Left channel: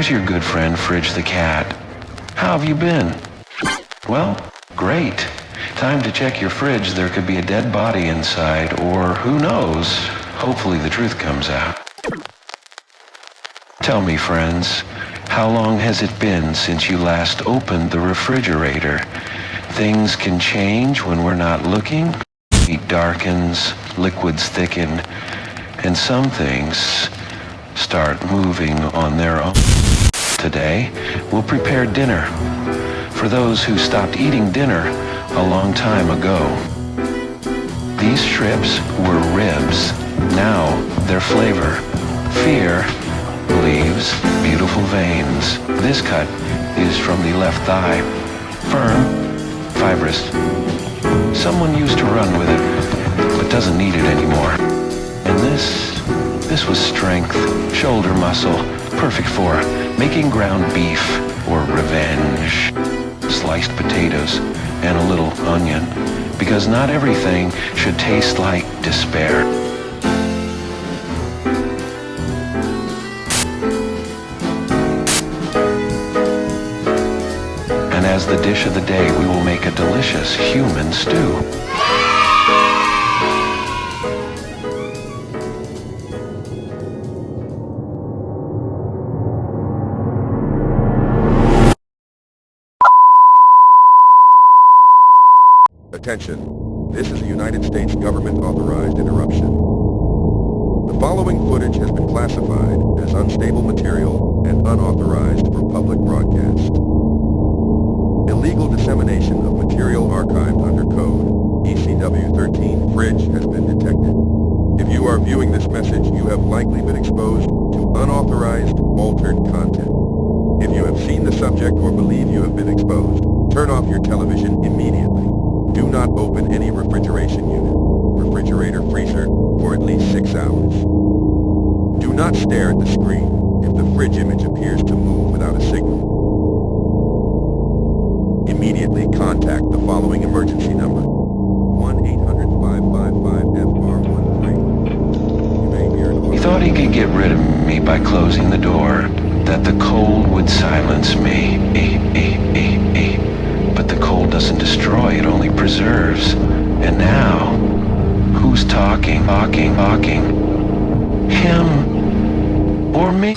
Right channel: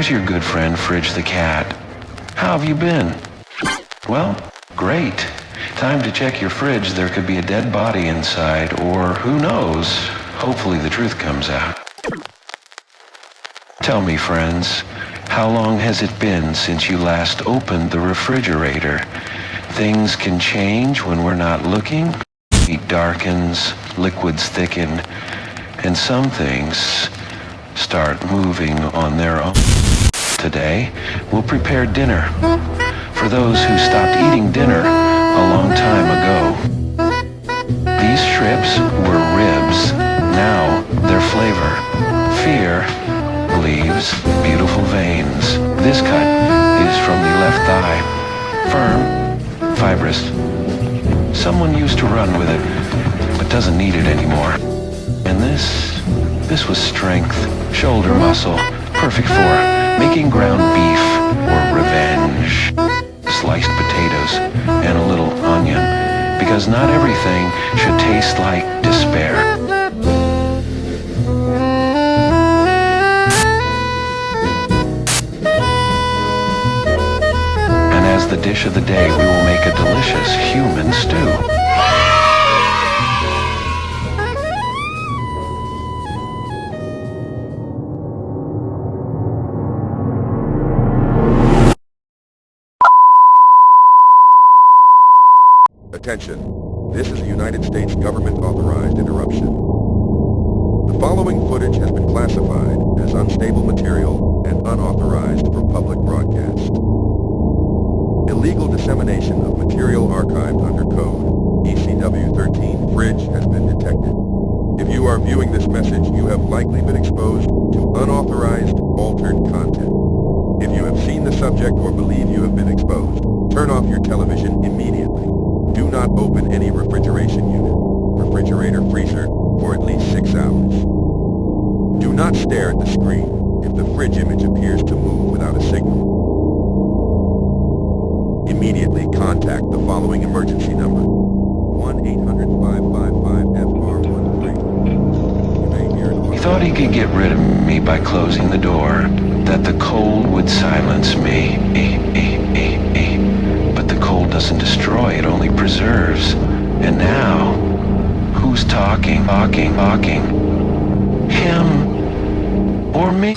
here's your good friend Fridge the cat. How have you been? Well, great. Time to check your fridge. There could be a dead body inside, or who knows, hopefully the truth comes out. Tell me, friends, how long has it been since you last opened the refrigerator? Things can change when we're not looking. Heat darkens, liquids thicken, and some things start moving on their own. Today, we'll prepare dinner for those who stopped eating dinner a long time ago. These strips were ribs. Now they're flavor. Fear leaves beautiful veins. This cut is from the left thigh. Firm, fibrous. Someone used to run with it, but doesn't need it anymore. And this was strength, shoulder muscle, perfect for making ground beef or revenge. Sliced potatoes and a little onion, because not everything should taste like despair. And as the dish of the day, we will make a delicious human stew. Attention, this is a United States government-authorized interruption. The following footage has been classified as unstable material and unauthorized for public broadcast. Illegal dissemination of material archived under code ECW 13 Fridge has been detected. If you are viewing this message, you have likely been exposed to unauthorized, altered content. If you have seen the subject or believe you have been exposed, turn off your television immediately. Do not open any refrigeration unit, refrigerator, freezer for at least 6 hours. Do not stare at the screen if the fridge image appears to move without a signal. Immediately contact the following emergency number: 1-800-555-FR13. You may hear an... He thought he could get rid of me by closing the door, that the cold would silence me. But the cold doesn't destroy, it only preserves. And now, who's talking? Him or me?